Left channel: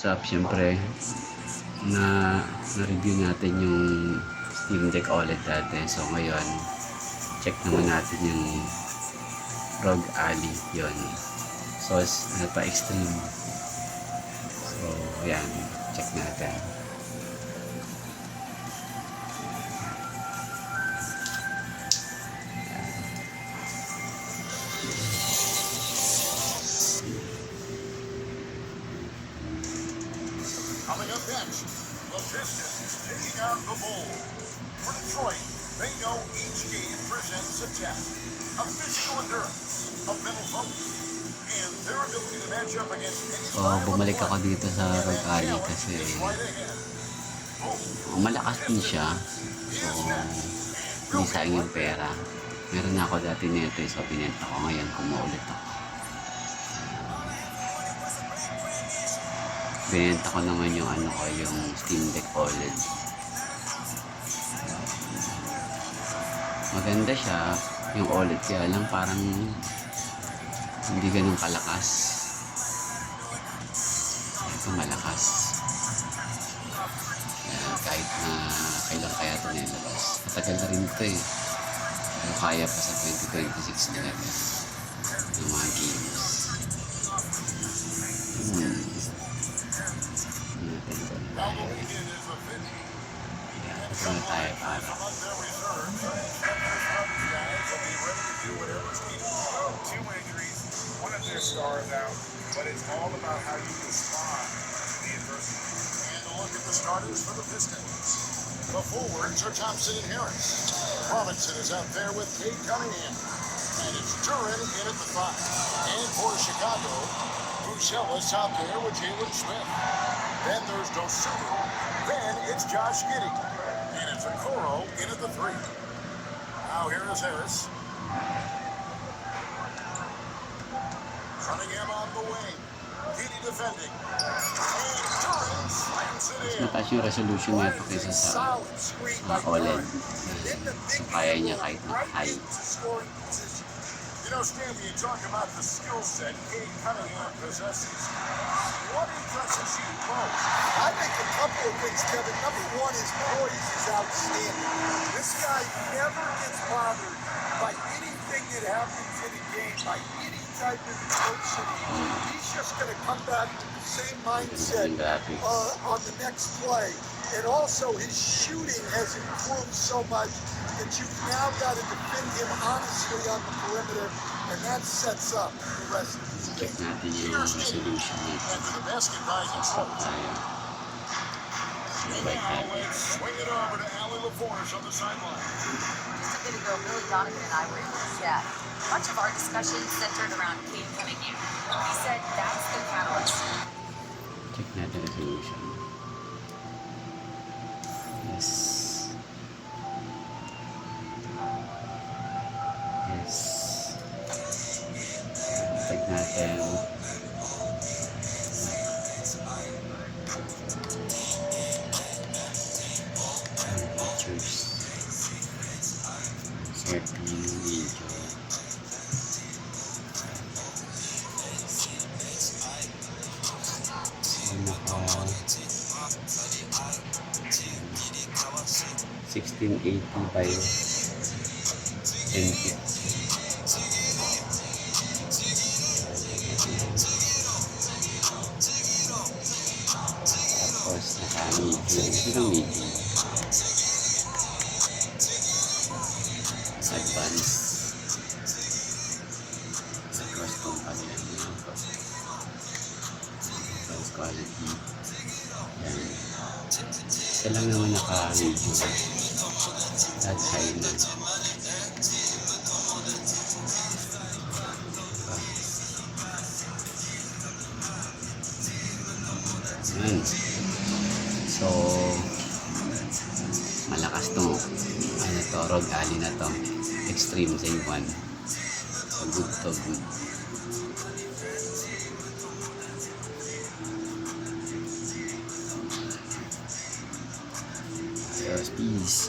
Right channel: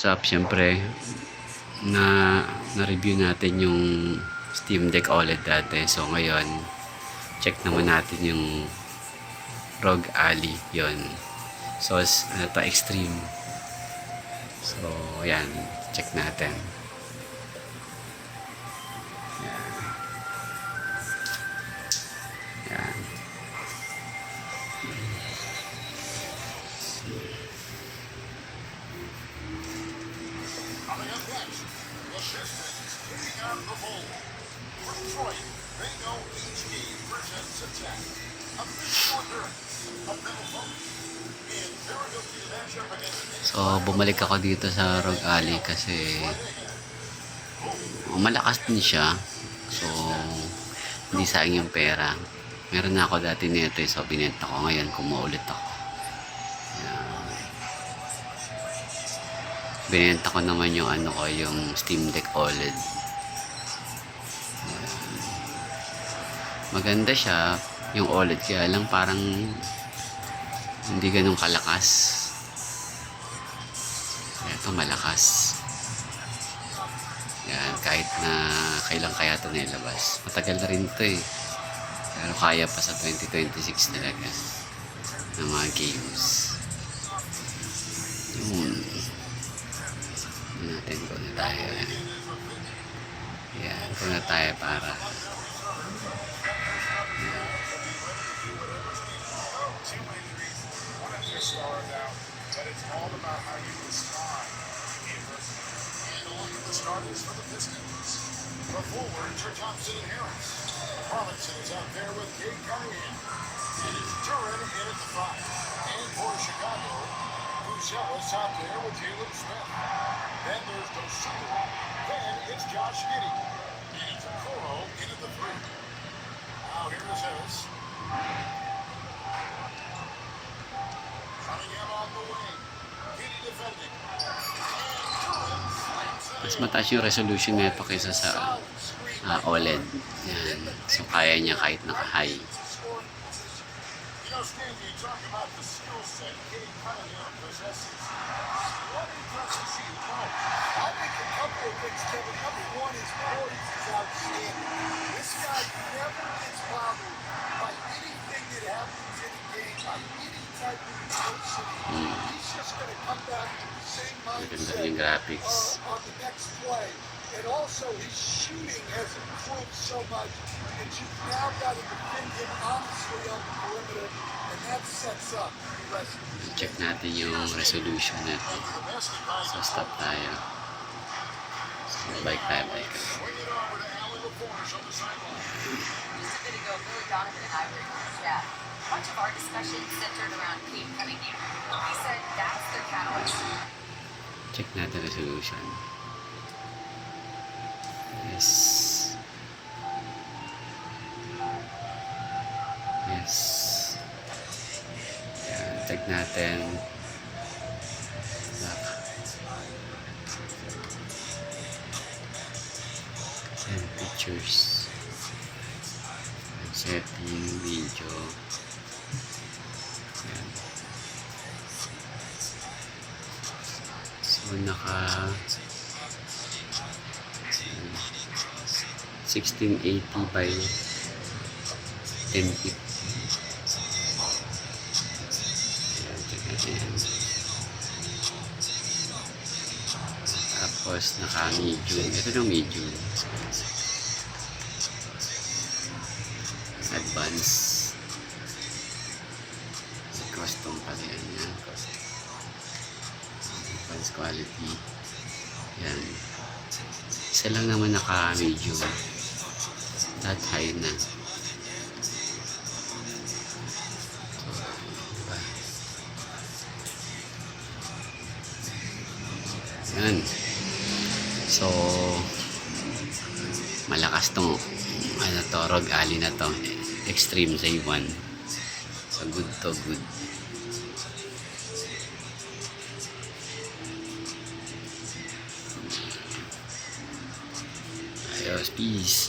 Siyempre, na-review natin yung Steam Deck OLED dati. So, ngayon, check naman natin yung ROG Ally. Yun. So, ano to, Extreme. So, yan. Check natin. Yan. Yan. Coming up next, the Pistons taking on the Bulls. For Detroit, they know each game presents a test, a physical endurance, a mental focus, and their ability to match up against any So, bumalik ako dito sa ROG Ally kasi malakas din siya. So, hindi sayang yung pera. Meron na ako dati nito, so binenta ko. Ngayon, kumaulit ako. Binenta ko naman yung ano ko, yung Steam Deck OLED. Maganda siya, yung OLED, kaya lang parang hindi ganun kalakas. Ito malakas. Yan, kahit na kailan kaya ito nilabas. Matagal na rin ito eh. Pero kaya pa sa 2026 talaga ng mga games. Natin ko na tayo. Yan, ito na tayo para two injuries, one of their stars out, but it's all about how you respond to the adversity. And a look at the starters for the Pistons. The forwards are Thompson and Harris. Robinson is out there with Cade Cunningham. And it's Duran in at the 5. And for Chicago, Brucella's out there with Jalen Smith. Then there's Dosunmu. Then it's Josh Giddey. And it's Okoro in at the 3. Now here is Harris. Cunningham on the wing. Giddey defending. And Duran slams it mas in. mataas yung resolution nito kaysa sa OLED. Yan. So, kaya niya kahit naka-high. You know, Stanley, you talk about the skill set Cade Cunningham possesses. What impresses you most? I think a couple of things, Kevin. Number one, his poise is outstanding. This guy never gets bothered by anything that happens in a game, by any type of adversity. He's just going to come back with the same Maganda mindset yung graphics. on the next play. And also, his shooting has improved so much that you've now got to defend him honestly on the perimeter, and that sets up the rest of the Check natin yung resolution nito. After the basket by So, stop tayo. So, bike tayo, bike. Swing it over to Allie LaForge on the sideline. Just a bit ago, Billy Donovan and I were in the chat. Much of our discussion centered around Cade Cunningham. He said that's their catalyst. Check natin resolution. Yes. Yes. Yan, check natin. Back. Yan, pictures. Setting, video. Yan. So, naka 1680 by 1050. Ayan, tingnan yan. Tapos naka-medium. Ito ng medium. Advance. Custom pala yan. Advance quality. Yan. Isa lang naman naka-medium. Lahat high na. Diba? Yan. So, malakas tong ano to, ROG Ally na to. Extreme sa 1. So, good to good. Ayos, peace.